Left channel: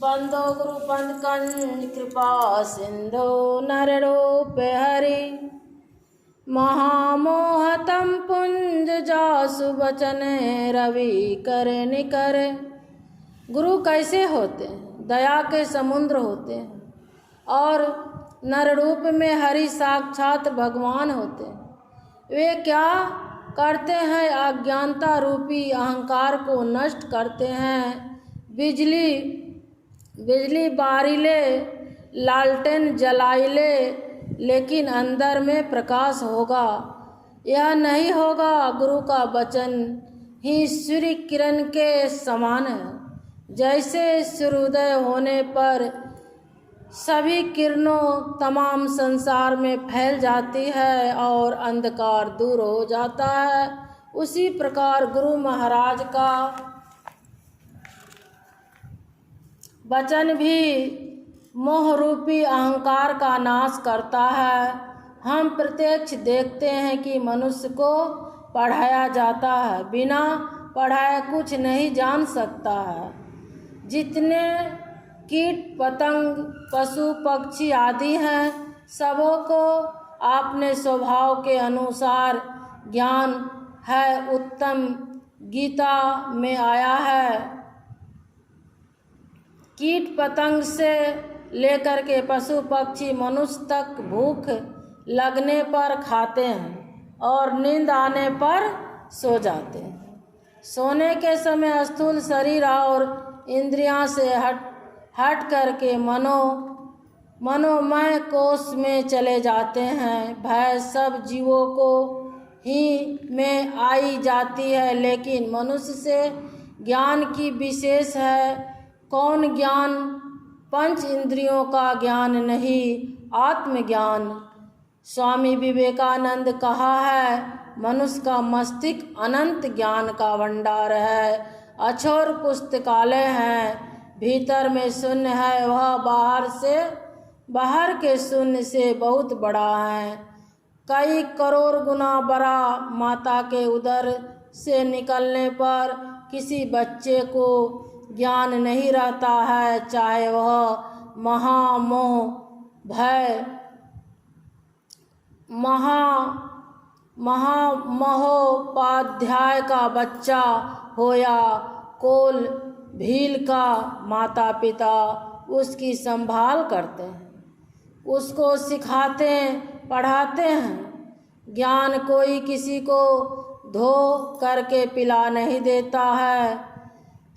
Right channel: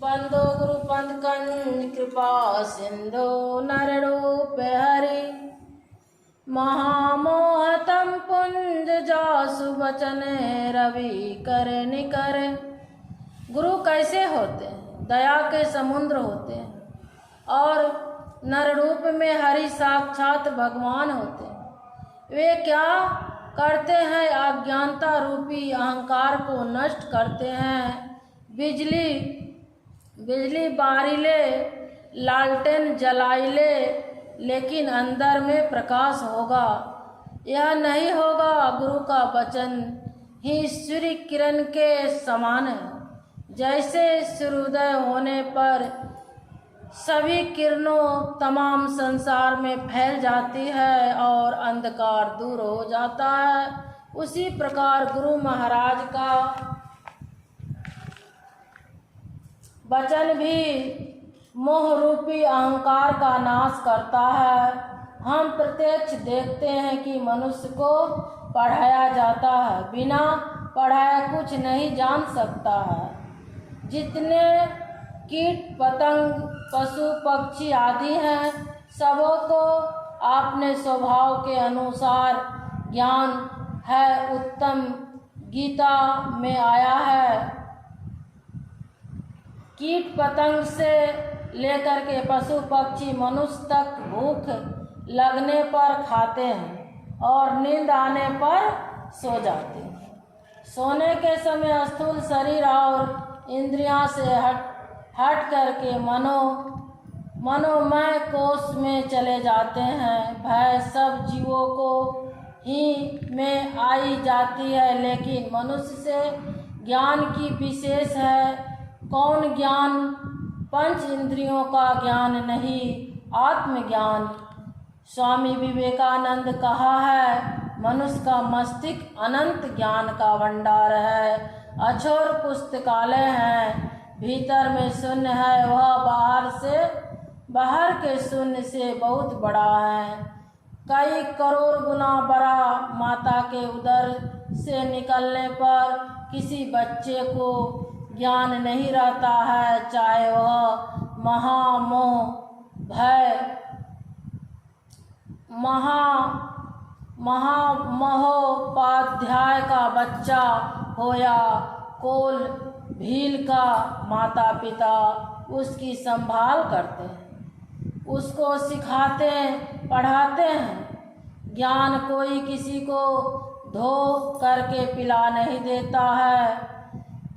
बंदो गुरु पंथ कंज कृपा सिंधो नररूप हरि महामोहतम पुंज जासु बचन रवि कर निकर। गुरु कैसे होते हैं? दया के समुद्र होते हैं और नर रूप में हरि साक्षात भगवान होते हैं। वे क्या करते हैं? अज्ञानता रूपी अहंकार को नष्ट करते हैं। बिजली बारिले लालटेन जलाइले, लेकिन अंदर में प्रकाश होगा। यह नहीं होगा। गुरु का वचन ही सूर्य किरण के समान है। जैसे सूर्योदय होने पर सभी किरणों तमाम संसार में फैल जाती है और अंधकार दूर हो जाता है, उसी प्रकार गुरु महाराज का वचन भी मोह रूपी अहंकार का नाश करता है। हम प्रत्यक्ष देखते हैं कि मनुष्य को पढ़ाया जाता है, बिना पढ़ाए कुछ नहीं जान सकता है। जितने कीट पतंग पशु पक्षी आदि हैं, सबों को अपने स्वभाव के अनुसार ज्ञान है। उत्तम गीता में आया है, कीट पतंग से लेकर के पशु पक्षी मनुष्य तक भूख लगने पर खाते हैं और नींद आने पर सो जाते हैं। सोने के समय स्थूल शरीर और इंद्रियां से हट करके मनोमय कोश में चले जाते हैं। भय सब जीवों को ही में आई जाती है, लेकिन मनुष्य से ज्ञान की विशेष है। कौन ज्ञान? पंच इंद्रियों का ज्ञान नहीं, आत्मज्ञान। स्वामी विवेकानंद कहा है, मनुष्य का मस्तिष्क अनंत ज्ञान का भंडार है, अछोर पुस्तकालय है। भीतर में शून्य है, वह बाहर के शून्य से बहुत बड़ा है, कई करोड़ गुना बड़ा। माता के उदर से निकलने पर किसी बच्चे को ज्ञान नहीं रहता है, चाहे वह महोपाध्याय का बच्चा हो या कोल भील का। माता पिता उसकी संभाल करते हैं, उसको सिखाते पढ़ाते हैं। ज्ञान कोई किसी को धो करके पिला नहीं देता है,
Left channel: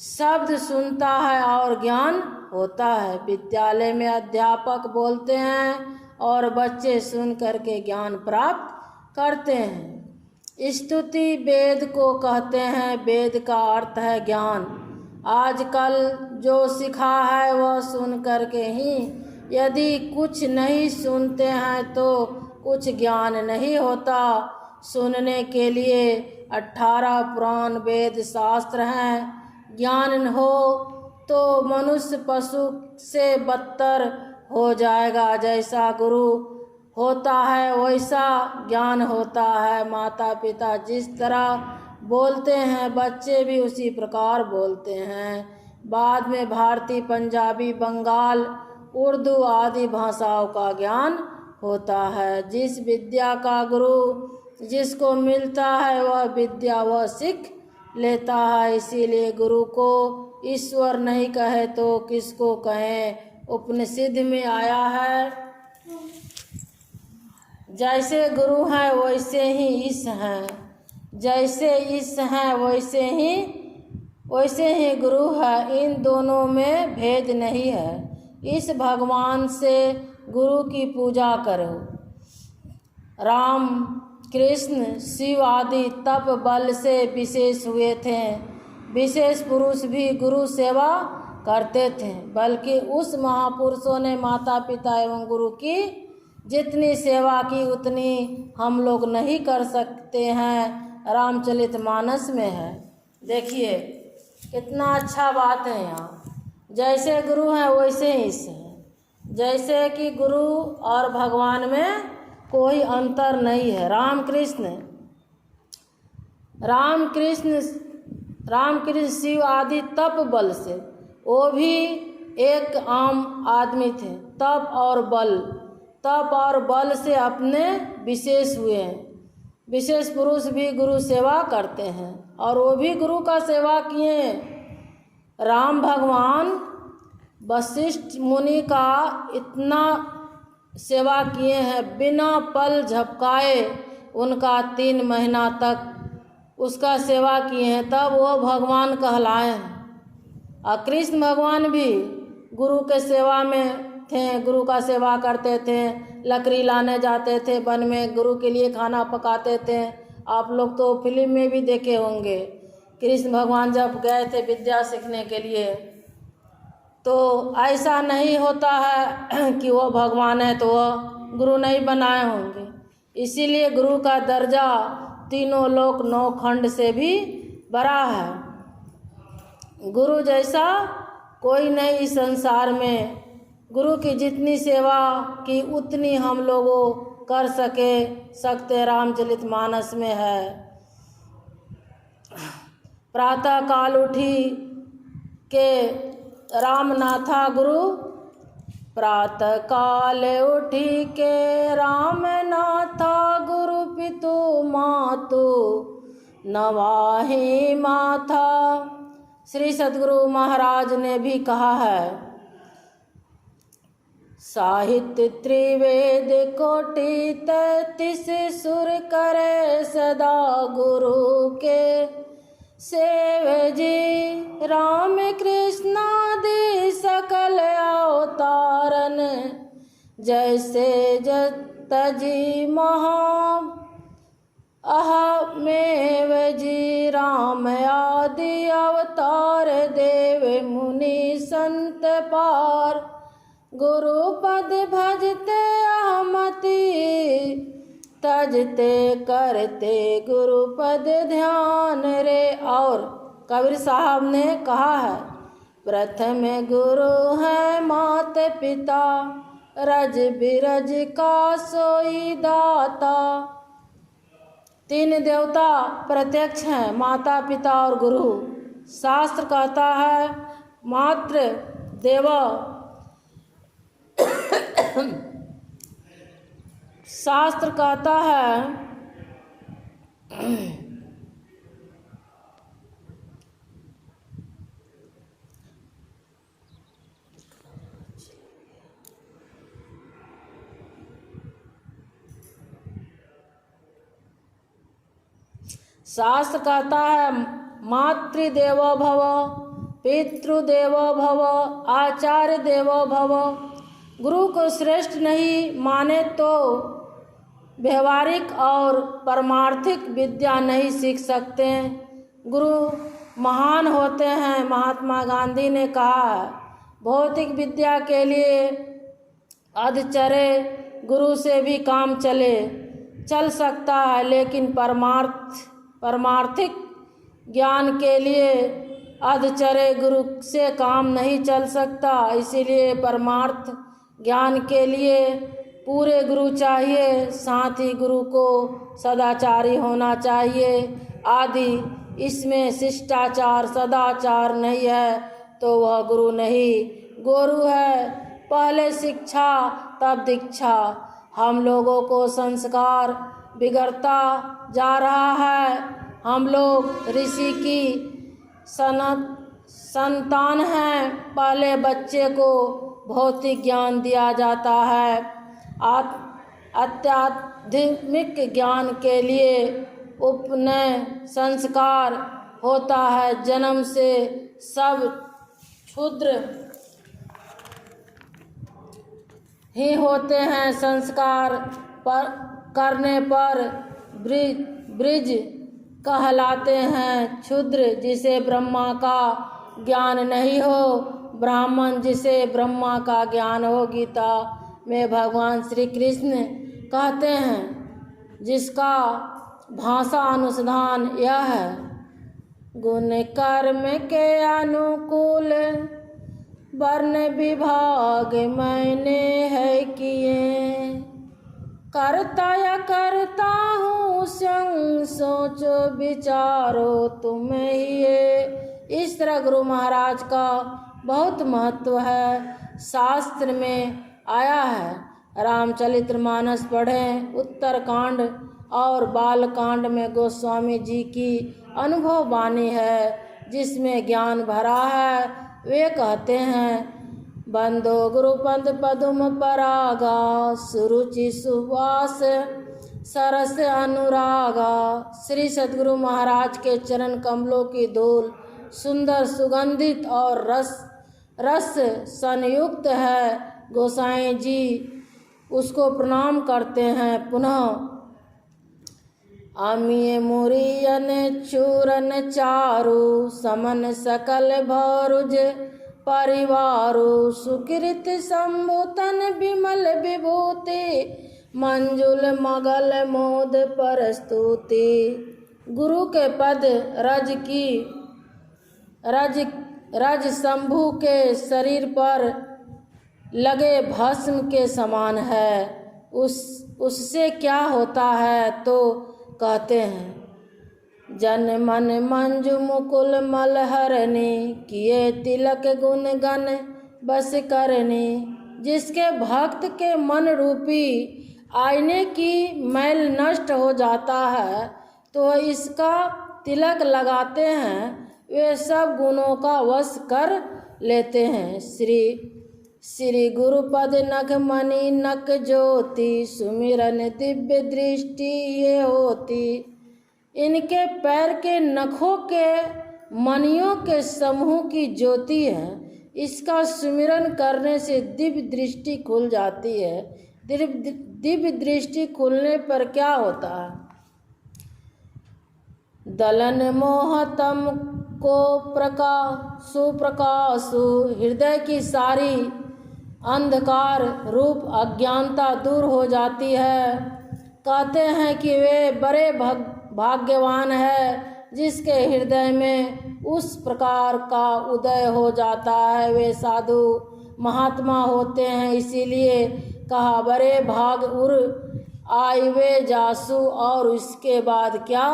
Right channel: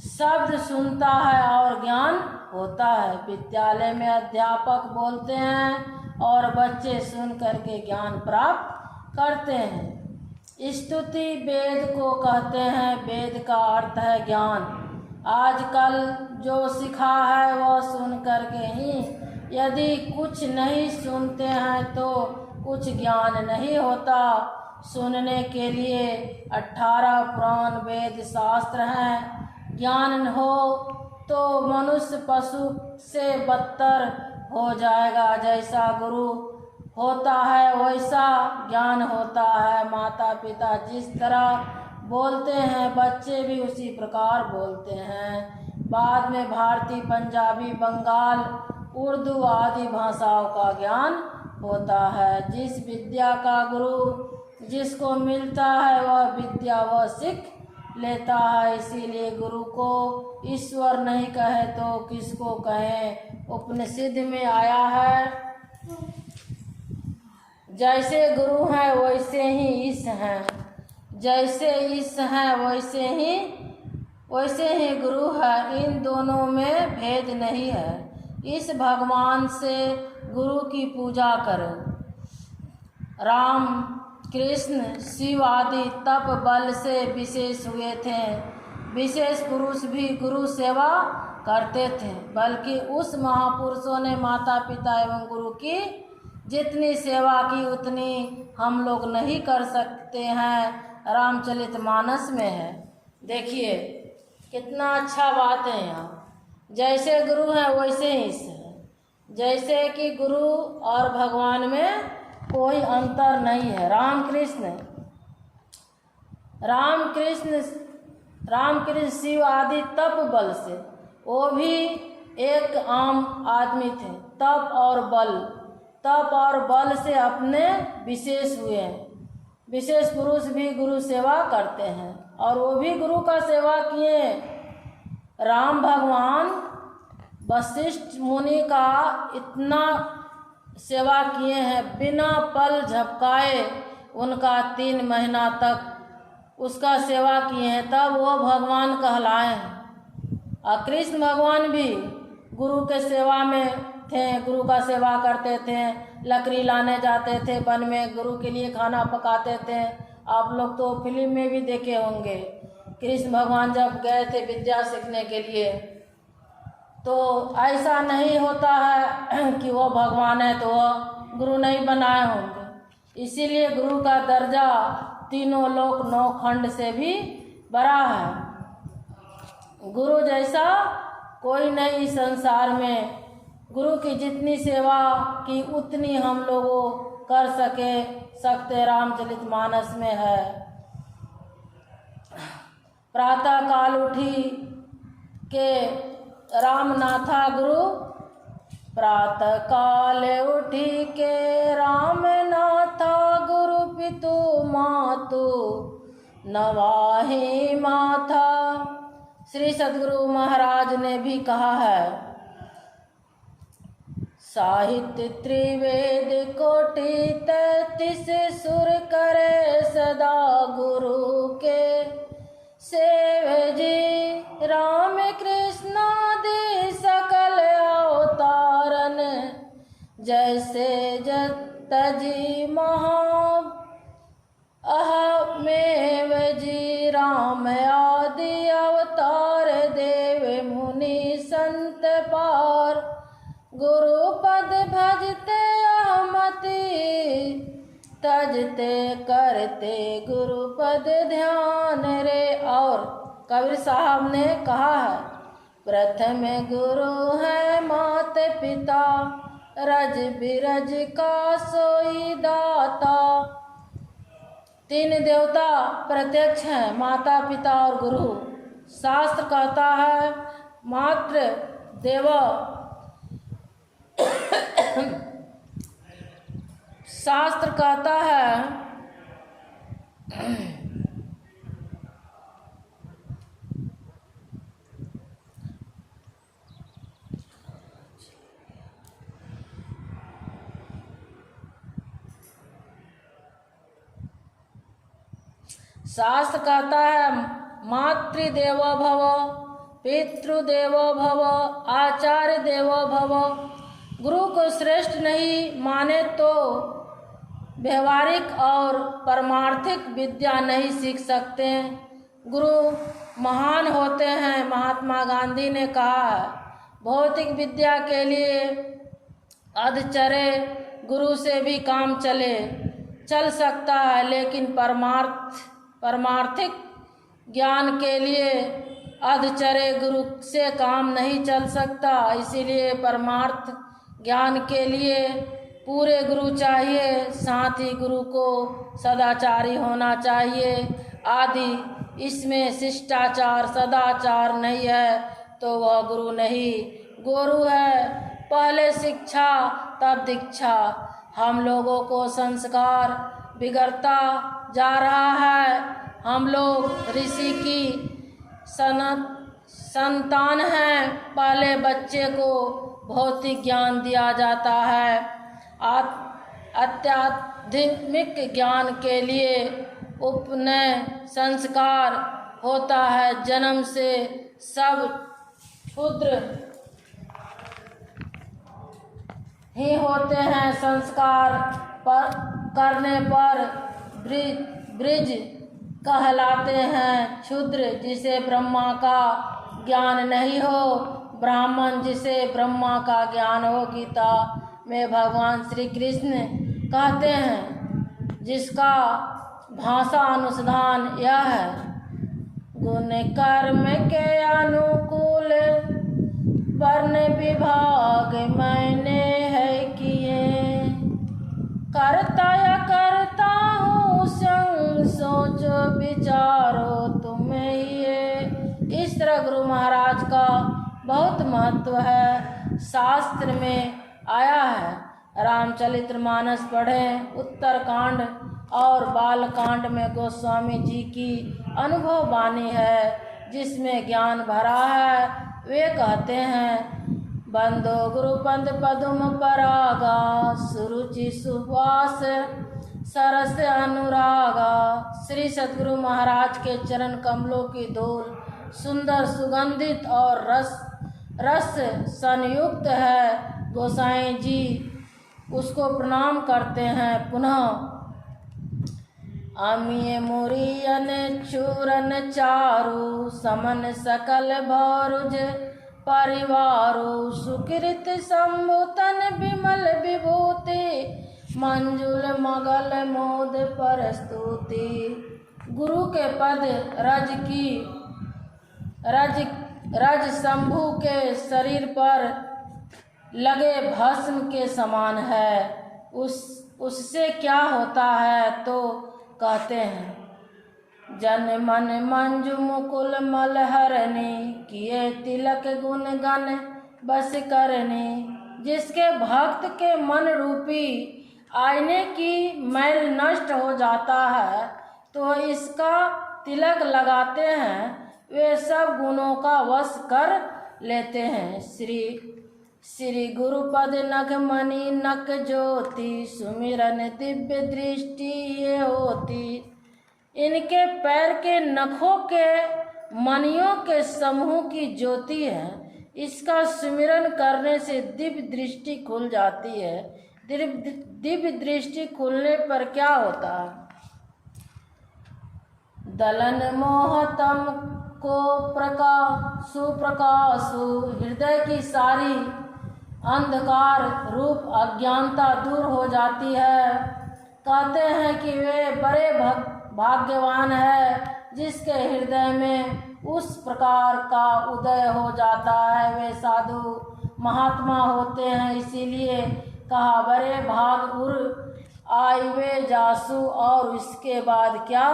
शब्द सुनता है और ज्ञान होता है। विद्यालय में अध्यापक बोलते हैं और बच्चे सुन करके ज्ञान प्राप्त करते हैं। स्तुति वेद को कहते हैं, वेद का अर्थ है ज्ञान। आजकल जो सिखा है वह सुन करके ही, यदि कुछ नहीं सुनते हैं तो कुछ ज्ञान नहीं होता। सुनने के लिए 18 पुराण वेद शास्त्र हैं। ज्ञान हो तो मनुष्य पशु से बदतर हो जाएगा। जैसा गुरु होता है वैसा ज्ञान होता है। माता पिता जिस तरह बोलते हैं, बच्चे भी उसी प्रकार बोलते हैं। बाद में भारतीय, पंजाबी, बंगाल, उर्दू आदि भाषाओं का ज्ञान होता है। जिस विद्या का गुरु जिसको मिलता है वह विद्या वह सीख लेता है। इसीलिए गुरु को ईश्वर नहीं कहे तो किसको कहें? उपनिषद में आया है, जैसे गुरु हैं वैसे ही ईश हैं, जैसे ईश हैं वैसे ही गुरु है। इन दोनों में भेद नहीं है। इस भगवान से गुरु की पूजा करो। राम कृष्ण शिव आदि तप बल से विशेष हुए थे। विशेष पुरुष भी गुरु सेवा करते थे, बल्कि उस महापुरुषों ने माता पिता एवं गुरु की जितनी सेवा की उतनी हम लोग नहीं कर सकते हैं। रामचरितमानस में है, देखिए कितना अच्छा बात है। यहाँ जैसे गुरु हैं वैसे ही से है। जैसे कि गुरु और भगवान में कोई अंतर नहीं है। रामकृष्ण शिव आदि तप बल से, वो भी एक आम आदमी थे। तप और बल से अपने विशेष हुए हैं। विशेष पुरुष भी गुरु सेवा करते हैं और वो भी गुरु का सेवा किए। राम भगवान वशिष्ठ मुनि का इतना सेवा किए हैं, बिना पल झपकाए उनका 3 महीना तक उसका सेवा किए हैं, तब वो भगवान कहलाए हैं। और कृष्ण भगवान भी गुरु के सेवा में थे, गुरु का सेवा करते थे, लकड़ी लाने जाते थे वन में, गुरु के लिए खाना पकाते थे। आप लोग तो फिल्म में भी देखे होंगे, कृष्ण भगवान जब गए थे विद्या सीखने के लिए, तो ऐसा नहीं होता है कि वो भगवान है तो वह गुरु नहीं बनाए होंगे। इसीलिए गुरु का दर्जा तीनों लोक 9 खंड से भी बड़ा है। गुरु जैसा कोई नहीं इस संसार में। गुरु की जितनी सेवा की उतनी हम लोगों कर सकते रामचरितमानस में है। प्रातः काल उठी के रामनाथा गुरु, प्रातः काल उठी के रामनाथा गुरु पितु मातु नवाहि माथा। श्री सद्गुरु महाराज ने भी कहा है, साहित्य त्रिवेद कोटि 33 सुर करे सदा गुरु के सेवे जी। राम कृष्णादि सकल अवतारन जैसे जतजी महा अहमेव जी। राम आदि अवतार देव मुनि संत पार, गुरु पद भजते अहमति तजते करते गुरु पद ध्यान रे। और कबीर साहब ने कहा है, प्रथम गुरु है मात पिता रज बिरज का सोई दाता। 3 देवता प्रत्यक्ष हैं, माता पिता और गुरु। शास्त्र कहता है मात्र देव, शास्त्र कहता है शास्त्र कहता है मातृदेवो भव, पितृदेवो भव, आचार्य देवो भव। गुरु को श्रेष्ठ नहीं माने तो व्यवहारिक और परमार्थिक विद्या नहीं सीख सकते। गुरु महान होते हैं। महात्मा गांधी ने कहा है, भौतिक विद्या के लिए अधचरे गुरु से भी काम चल सकता है, लेकिन परमार्थिक ज्ञान के लिए अधचरे गुरु से काम नहीं चल सकता। इसीलिए परमार्थ ज्ञान के लिए पूरे गुरु चाहिए, साथ ही गुरु को सदाचारी होना चाहिए आदि। इसमें शिष्टाचार सदाचार नहीं है तो वह गुरु नहीं। गुरु है पहले शिक्षा तब दीक्षा। हम लोगों को संस्कार बिगड़ता जा रहा है। हम लोग ऋषि की संतान हैं। पहले बच्चे को भौतिक ज्ञान दिया जाता है, आध्यात्मिक ज्ञान के लिए उपनयन संस्कार होता है। जन्म से सब क्षुद्र ही होते हैं, संस्कार करने पर ब्रिज कहलाते हैं। क्षुद्र जिसे ब्रह्मा का ज्ञान नहीं हो, ब्राह्मण जिसे ब्रह्मा का ज्ञान हो। गीता में भगवान श्री कृष्ण कहते हैं, जिसका भाषा अनुसंधान यह है, गुण कर्म के अनुकूल वर्ण विभाग मैंने है किए, करता या करता हूँ संग सोचो विचारो तुम्हें ये। इस तरह गुरु महाराज का बहुत महत्व है। शास्त्र में आया है, रामचरितमानस पढ़ें। उत्तरकांड और बालकांड में गोस्वामी जी की अनुभव वाणी है जिसमें ज्ञान भरा है। वे कहते हैं, बंदो गुरुपद पदुम परागा, सुरुचि सुवास सरस अनुरागा। श्री सद्गुरु महाराज के चरण कमलों की धूल सुंदर सुगंधित और रस संयुक्त है। गोसाई जी उसको प्रणाम करते हैं। पुनः अमीय मुरियन चूरन चारु, समन सकल भौरुज परिवारु। सुकृत संभुतन विमल विभूति, मंजुल मगल मोद परस्तुति। गुरु के पद रज शंभु के शरीर पर लगे भस्म के समान है। उससे क्या होता है तो कहते हैं, जन मन मंजु मुकुल मलहरणी, किए तिलक गुण गण बस करनी। जिसके भक्त के मन रूपी आईने की मैल नष्ट हो जाता है तो इसका तिलक लगाते हैं, वे सब गुणों का वश कर लेते हैं। श्री गुरुपद नख मणि नक ज्योति, सुमिरन दिव्य दृष्टि ये होती। इनके पैर के नखों के मणियों के समूह की ज्योति है। इसका सुमिरन करने से दिव्य दृष्टि खुल जाती है। दिव्य दृष्टि खुलने पर क्या होता है, दलन मोहतम को सुप्रकाशु। हृदय की सारी अंधकार रूप अज्ञानता दूर हो जाती है। कहते हैं कि वे बड़े भाग्यवान है जिसके हृदय में उस प्रकार का उदय हो जाता है। वे साधु महात्मा होते हैं, इसीलिए कहा बड़े भाग उर आई वे जासु। और उसके बाद क्या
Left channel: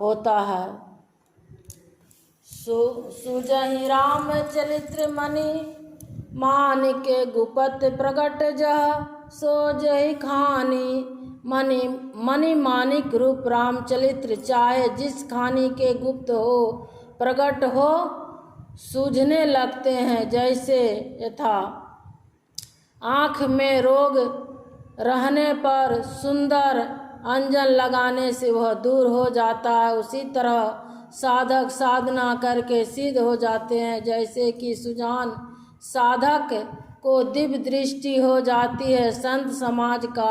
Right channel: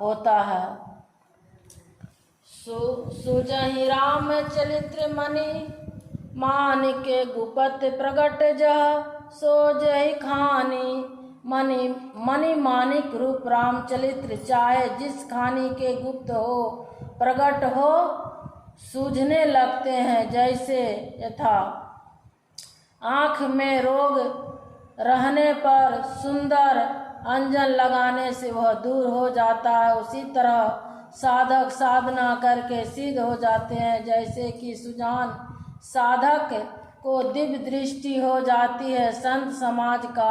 होता है, सुजहि राम चरित्र मणि, मानिक गुपत प्रगट जह सोजहि खानी। मणि मानिक रूप रामचरित्र चाहे जिस खानी के गुप्त हो प्रकट हो सूझने लगते हैं। जैसे यथा आँख में रोग रहने पर सुंदर अंजन लगाने से वह दूर हो जाता है, उसी तरह साधक साधना करके सिद्ध हो जाते हैं। जैसे कि सुजान साधक को दिव्य दृष्टि हो जाती है। संत समाज का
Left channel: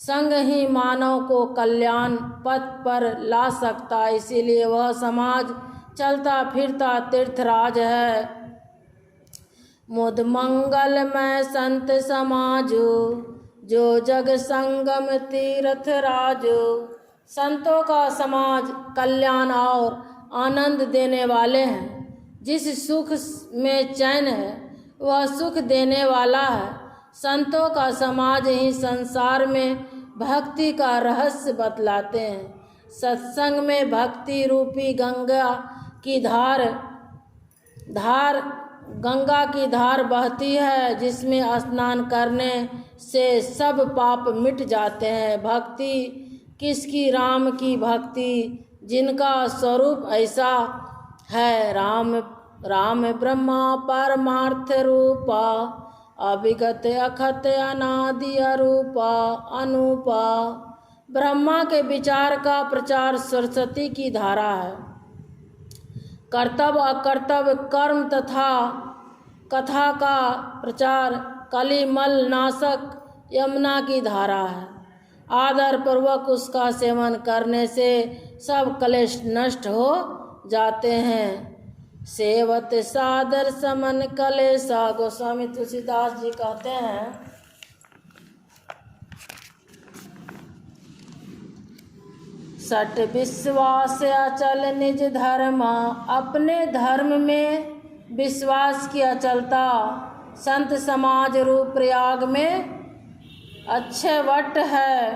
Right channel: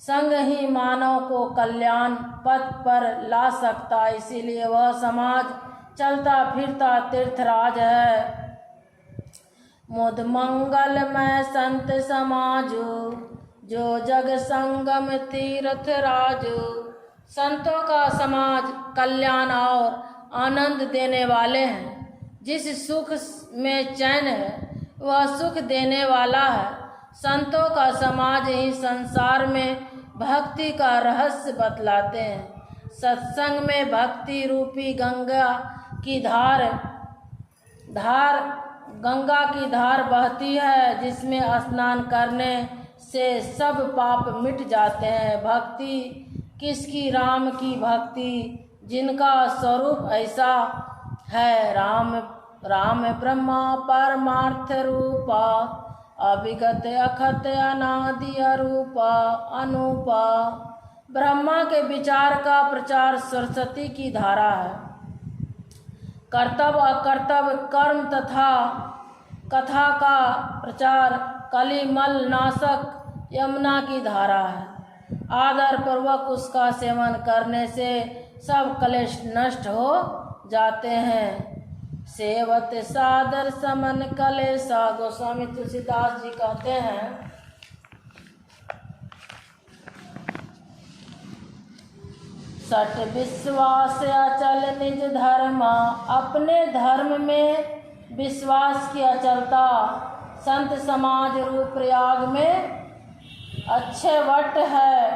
संग ही मानव को कल्याण पथ पर ला सकता है, इसीलिए वह समाज चलता फिरता तीर्थराज है। मुद मंगल में संत समाजो, जो जग संगम तीर्थ राजो। संतों का समाज कल्याण और आनंद देने वाले हैं। जिस सुख में चैन है वह सुख देने वाला है। संतों का समाज ही संसार में भक्ति का रहस्य बतलाते हैं। सत्संग में भक्ति रूपी गंगा की धार बहती है, जिसमें स्नान करने से सब पाप मिट जाते हैं। भक्ति किसकी, राम की भक्ति, जिनका स्वरूप ऐसा है। राम ब्रह्मा परमार्थ रूपा, अविगत अखत अनादि अरूपा अनूपा। ब्रह्मा के विचार का प्रचार सरस्वती की धारा है। कर्तव्य अकर्तव्य कर्म तथा कथा का प्रचार कलिमल नाशक यमुना की धारा है। आदर पूर्वक उसका सेवन करने से सब क्लेश नष्ट हो जाते हैं। सेवत सादर समन कलेसा। गोस्वामी तुलसीदास जी कहते हैं, सट विश्वास अचल निज धर्मा। अपने धर्म में विश्वास की अचलता संत समाज रूप प्रयाग में अच्छे वट है।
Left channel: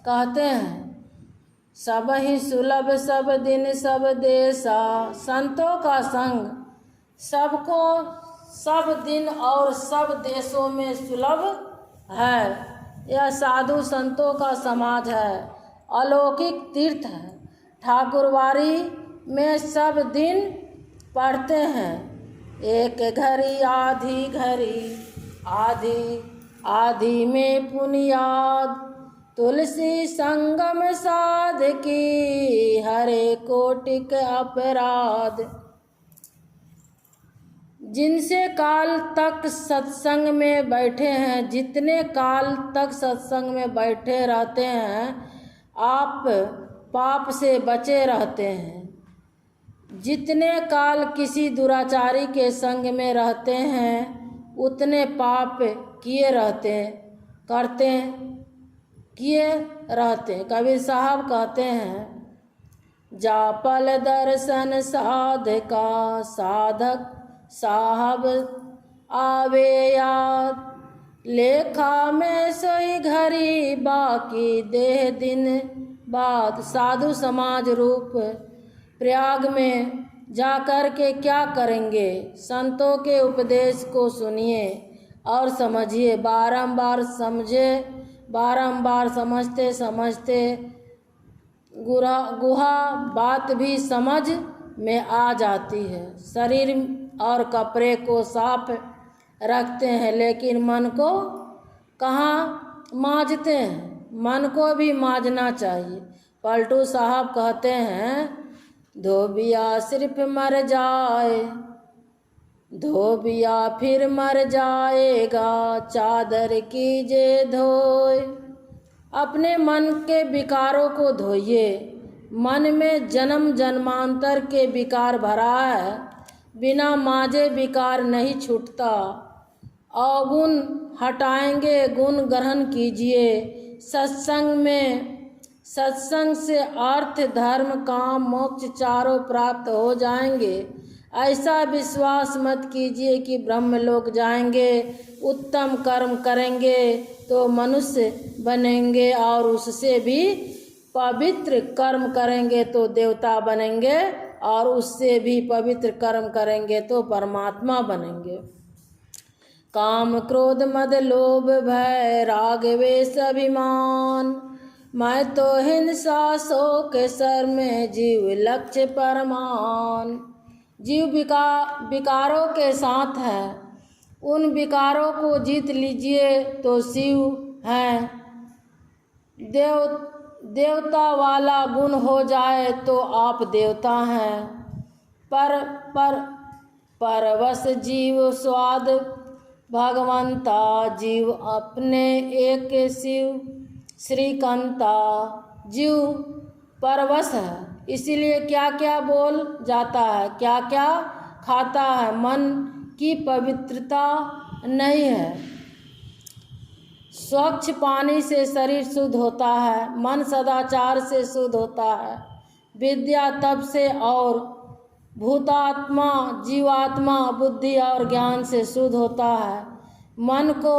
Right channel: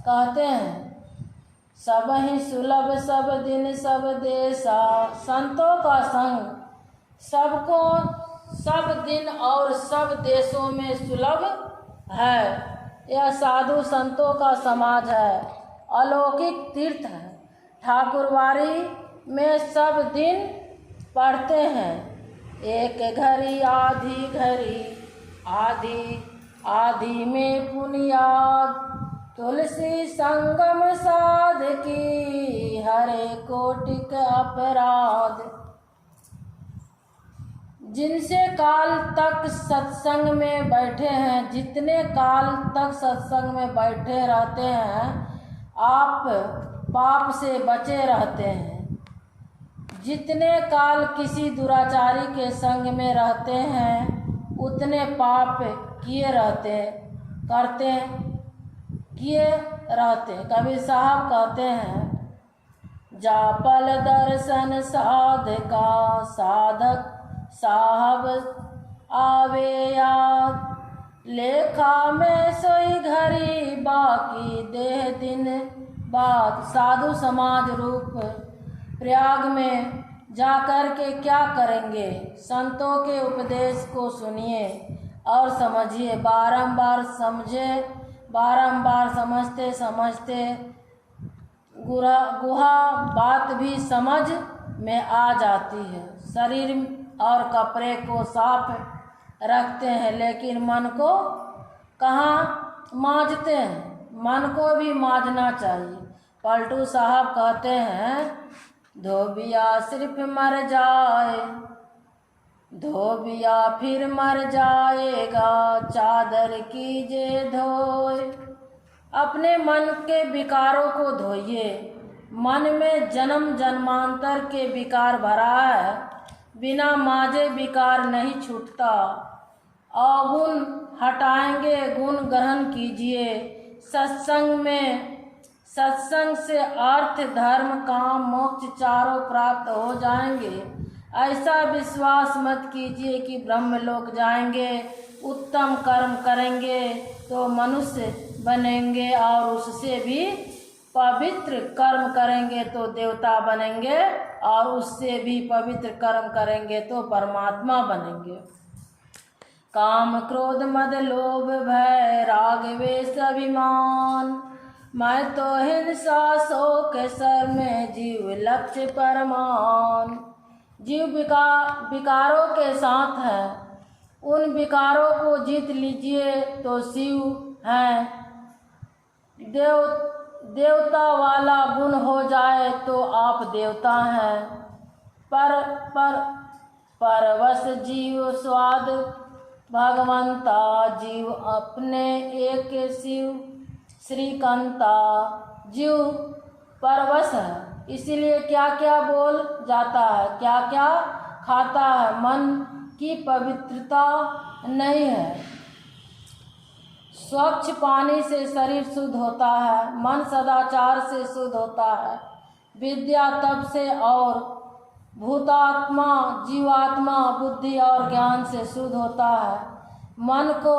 कहते हैं, सब ही सुलभ सब दिन सब देशा। संतों का संग सबको सब दिन और सब देशों में सुलभ है। यह साधु संतों का समाज है, अलौकिक तीर्थ है। ठाकुरवारी में सब दिन पढ़ते हैं, एक घड़ी आधी घड़ी, आधी आधी में पुनियाद, तुलसी संगम साध की, हरे कोटिक अपराध। जिनसे काल तक सत्संग में बैठे हैं, जितने काल तक सत्संग में बैठे रहते हैं, आप पाप से बचे रहते हैं। जितने काल किसी दुराचारी के संग में रहते हैं, उतने पाप किए रहते हैं। कबीर साहब कहते हैं, जापल दर्शन साधका, साधक साहब आवे याद, लेखा में सोई घड़ी, बाकी देह दिन बाद। साधु समाज रूप प्रयाग में जाकर के क्या करेंगे? संतों के उपदेश को सुनिए और समझिए। बारंबार समझते समझते गुहा बात भी समझ में आ जाती है। शरीर और कपड़े को साफ रखते हैं, लेकिन मन को कहाँ मांजते हैं? मन को भी मांजना चाहिए। पलटू साहब कहते हैं, धोबिया सिर्फ मर जाए, धोबिया फिर मर जाएगा, चादर कीजे धोए। अपने मन के विकारों को धोइए। मन में जन्म जन्मांतर के विकार भरा है, बिना मांजे विकार नहीं छूटता। अवगुण हटाएंगे, गुण ग्रहण कीजिए। सत्संग से अर्थ धर्म काम मोक्ष चारों प्राप्त हो जाएंगे। ऐसा विश्वास मत कीजिए कि ब्रह्मलोक जाएंगे। उत्तम कर्म करेंगे तो मनुष्य बनेंगे, और उससे भी पवित्र कर्म करेंगे तो देवता बनेंगे, और उससे भी पवित्र कर्म करेंगे तो परमात्मा बनेंगे। काम क्रोध मद लोभ भय राग वेश अभिमान, मैं तो हिंसा शोक सर में जीव लक्ष्य परमान। जीव विकारों के साथ है, उन विकारों को जीत लीजिए तो शिव हैं। देवता वाला गुण हो जाए तो आप देवता हैं। परवश जीव स्वाद भगवंता, जीव अपने एक शिव श्रीकंता। जीव परवश है, इसीलिए क्या क्या बोल जाता है, क्या क्या खाता है। मन की पवित्रता नहीं है। स्वच्छ पानी से शरीर शुद्ध होता है, मन सदाचार से शुद्ध होता है, विद्या तप से, और भूतात्मा जीवात्मा बुद्धि और ज्ञान से शुद्ध होता है। मन को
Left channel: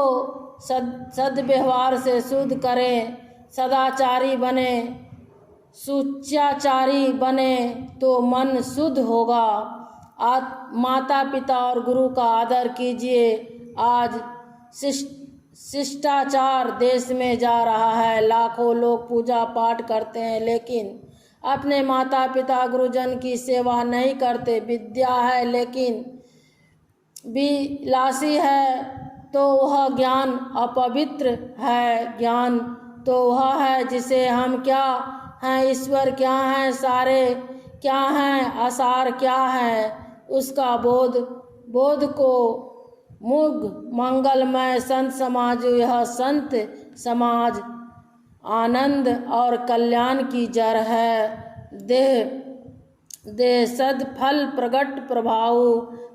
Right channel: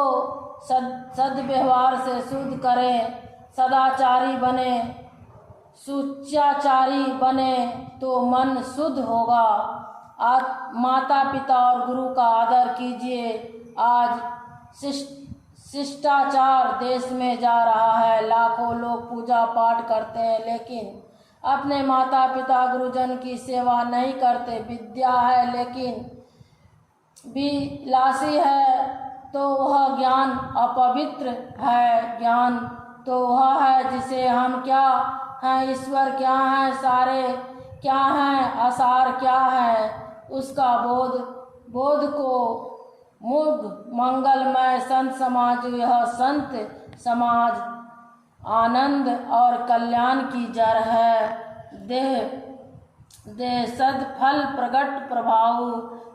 सद्व्यवहार से शुद्ध करें, सदाचारी बने, सुचाचारी बने तो मन शुद्ध होगा। माता पिता और गुरु का आदर कीजिए। आज शिष्टाचार देश में जा रहा है, लाखों लोग पूजा पाठ करते हैं, लेकिन अपने माता पिता गुरुजन की सेवा नहीं करते। विद्या है लेकिन विलासी है तो वह ज्ञान अपवित्र है। ज्ञान तो वह है जिसे हम क्या हैं, ईश्वर क्या है, सारे क्या हैं, आसार क्या है, उसका बोध को मुग मंगलमय संत समाज। यह संत समाज आनंद और कल्याण की जड़ है। देह सदफल प्रगट प्रभाव।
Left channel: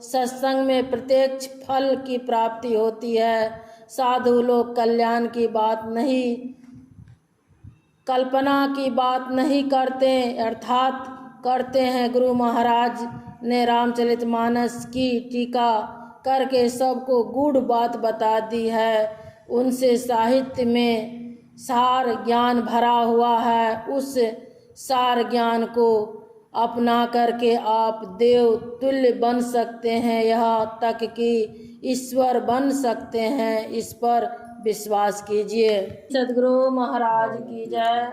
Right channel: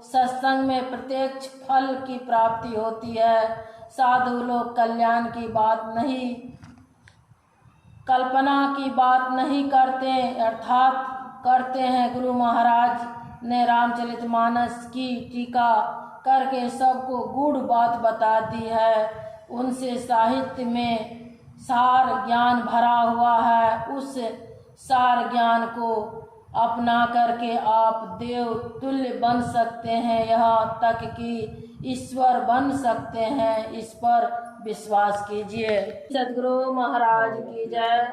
सत्संग में प्रत्यक्ष फल की प्राप्ति होती है। साधु लोग कल्याण की बात नहीं, कल्पना की बात नहीं करते, अर्थात करते हैं। गुरु महाराज ने रामचरितमानस की टीका करके सबको गूढ़ बात बता दी है। उनसे साहित्य में सार ज्ञान भरा हुआ है। उस सार ज्ञान को अपना करके आप देव तुल्य बन सकते हैं, यहाँ तक कि ईश्वर बन सकते हैं। इस पर विश्वास कीजिए। सद्गुरु महाराज की जय।